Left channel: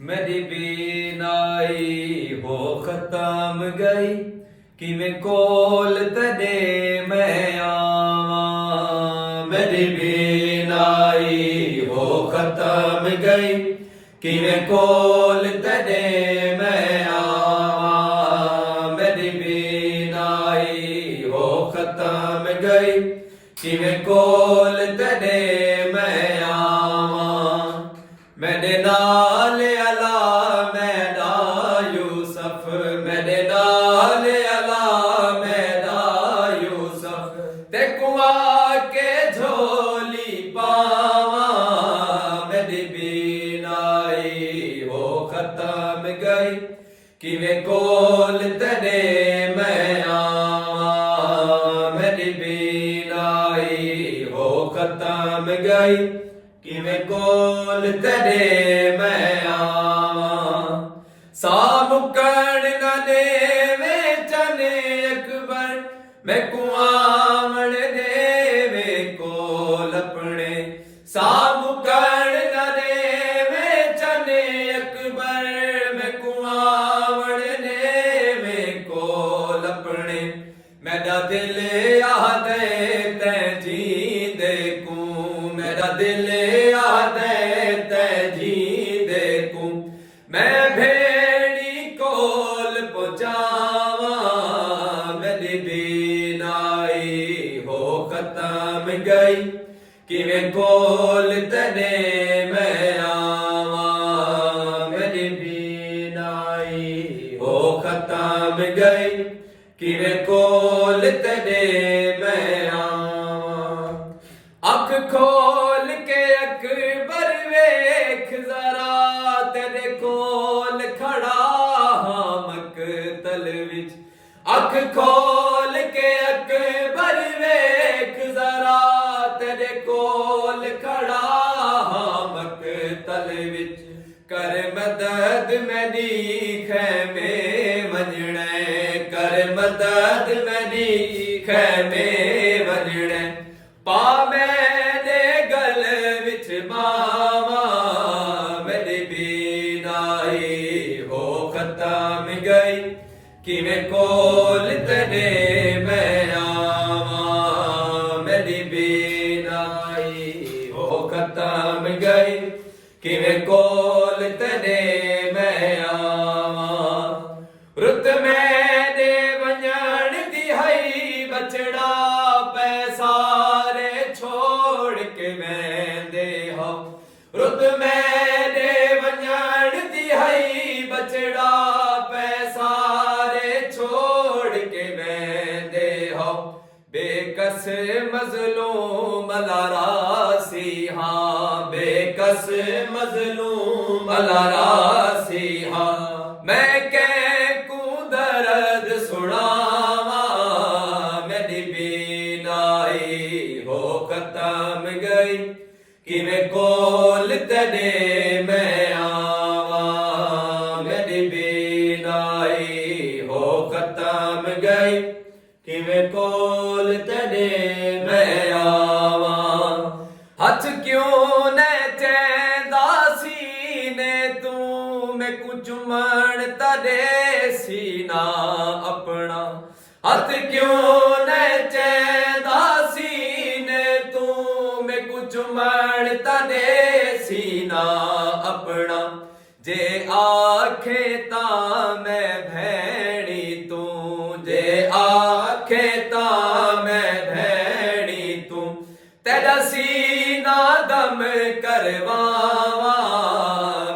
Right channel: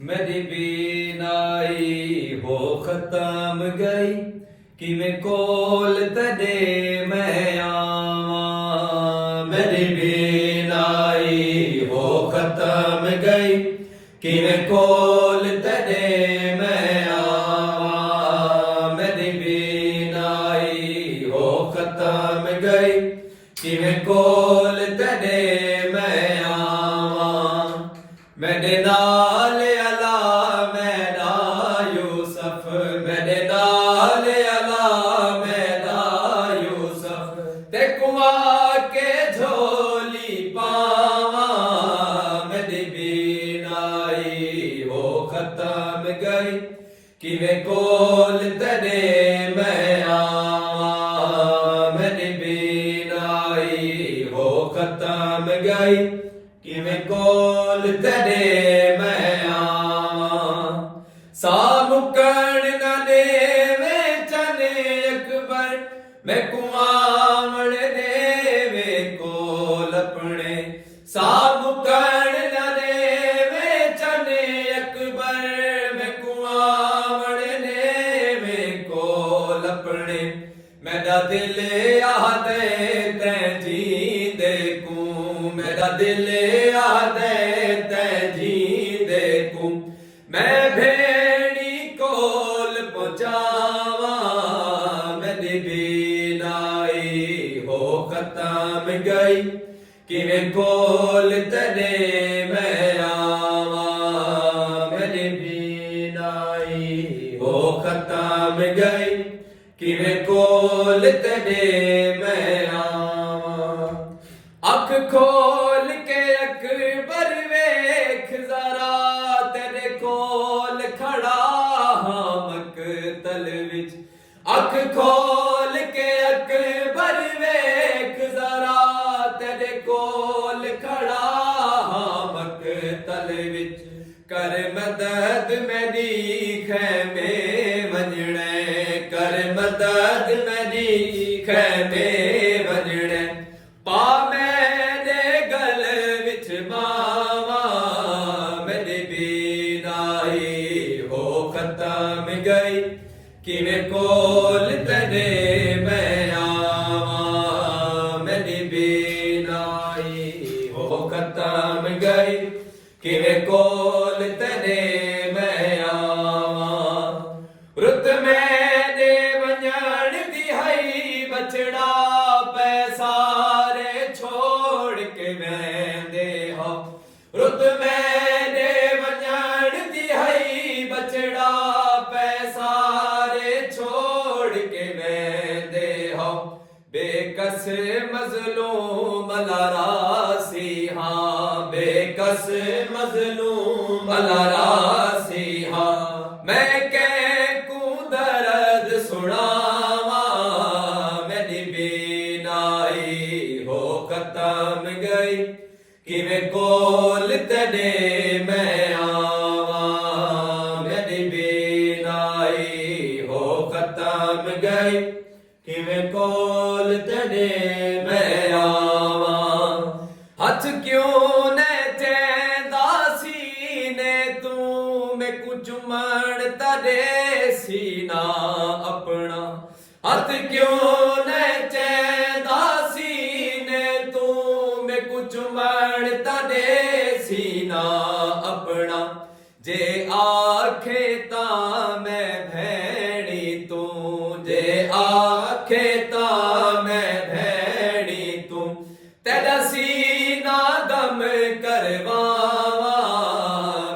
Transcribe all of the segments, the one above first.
मेरी बीनाई हो खत्म गई किवें कोल तेरे मैं आवा। मेरी बीनाई हो खत्म गई किवें कोल तेरे मैं आवा। मेरी बीनाई हो खत्म गई किवें कोल तेरे मैं आवा। मेरे नाल अला मैना यूसुफ, मेरे नाल अला मैना यूसुफ, ते कुआ के झोली पावा। मेरी बीनाई हो खत्म गई किवें कोल तेरे मैं आवा। मेरी बीनाई हो खत्म गई किवें कोल तेरे मैं आवा। सा मुकण न देवे चने अकबर, मैं कुआवण देवे कोल अपने। सा मुकण न देवे चने अकबर, मैं कुआवण देवे कोल अपने। मेरा दिल आदे ते जी देखूं, मेरा दिल आदे ते जी देखूं। मैं भेड़ी कोल पहुंचावा। मेरी बीनाई हो खत्म गई किवें कोल तेरे मैं आवा। मेरी बीनाई हो खत्म गई किवें कोल तेरे मैं आवा। अख खोल के अकबर वेख जरा, तेरे कोल खड़ा हां मकतल विच। अख खोल के अकबर वेख जरा, तेरे कोल खड़ा हां मकतल विच। कर मदद मेरी खैमे वंजणे, कर मदद मेरी खैमे वंजणे। पा मैंने गल विच बावा। मेरी बीनाई हो खत्म गई किवें कोल तेरे मैं आवा। मेरी बीनाई हो खत्म गई किवें कोल तेरे मैं आवा। रुत मैंने वंजण दी हई बचड़ा, पैसारे छोड़ के वेंदे हो। रुत मैंने वंजण दी हई बचड़ा, पैसारे छोड़ के वेंदे हो। बेकस मजलूम लारासी हां, बेकस मजलूम लारासी हां। मैं कहकू दर्द सुनावा। मेरी बीनाई हो खत्म गई किवें कोल तेरे मैं आवा। मेरी बीनाई हो खत्म गई किवें कोल तेरे मैं आवा। हथ क्यों न चैंदा सीने तू, मैं कुछ चुमण तदे सीना अपना। हथ क्यों न चैंदा सीने तू, मैं कुछ चुमण तदे सीना अपना। जे आखे तां मैं भैणी तू, जे आखे तां मैं भैणी तू। तेरा सीना दम करवावा।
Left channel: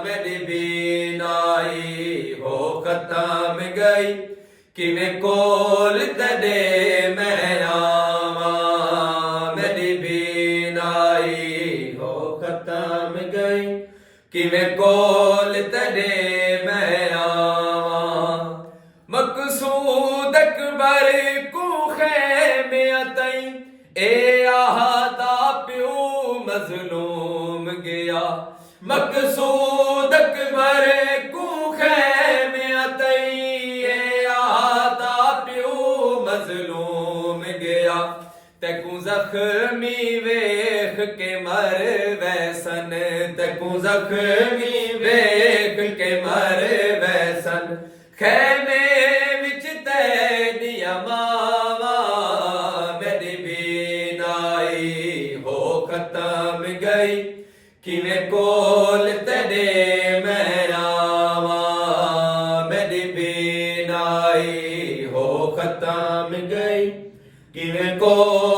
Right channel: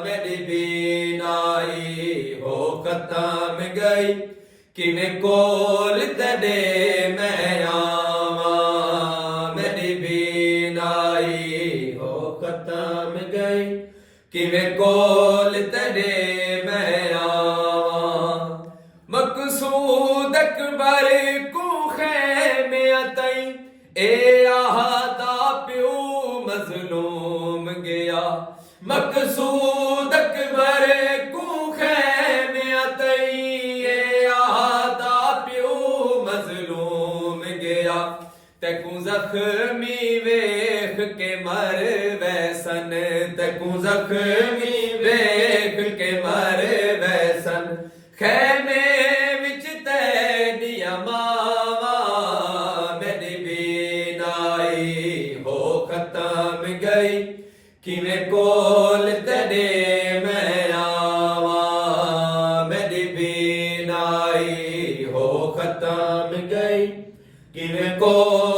मेरी बीनाई हो खत्म गई किवें कोल तेरे मैं आवा। मेरी बीनाई हो खत्म गई किवें कोल तेरे मैं आवा। मकसूद अकबर को खैमे तई, ए आदा प्यू मजलूम गया। मकसूद अकबर को खैमे तई, ए आदा प्यू मजलूम गया। तैकू जख्मी वेख के मर वैसन, तैकू जख्मी वेख ਕੇ ਮਰ ਵੈਸਨ ਖੈਮੇ ਵਿੱਚ ਤੈਦੀਆਂ ਮਾਵਾਂ ਮੇਰੀ ਬੀਨਾਈ ਹੋ ਖਤਮ ਗਈ ਕਿਵੇਂ ਕੋਲ ਤੇਰੇ ਮੈਂ ਆਵਾਂ ਮੇਰੀ ਬੀਨਾਈ ਹੋ ਖਤਮ ਗਈ ਕਿਵੇਂ ਕੋਲ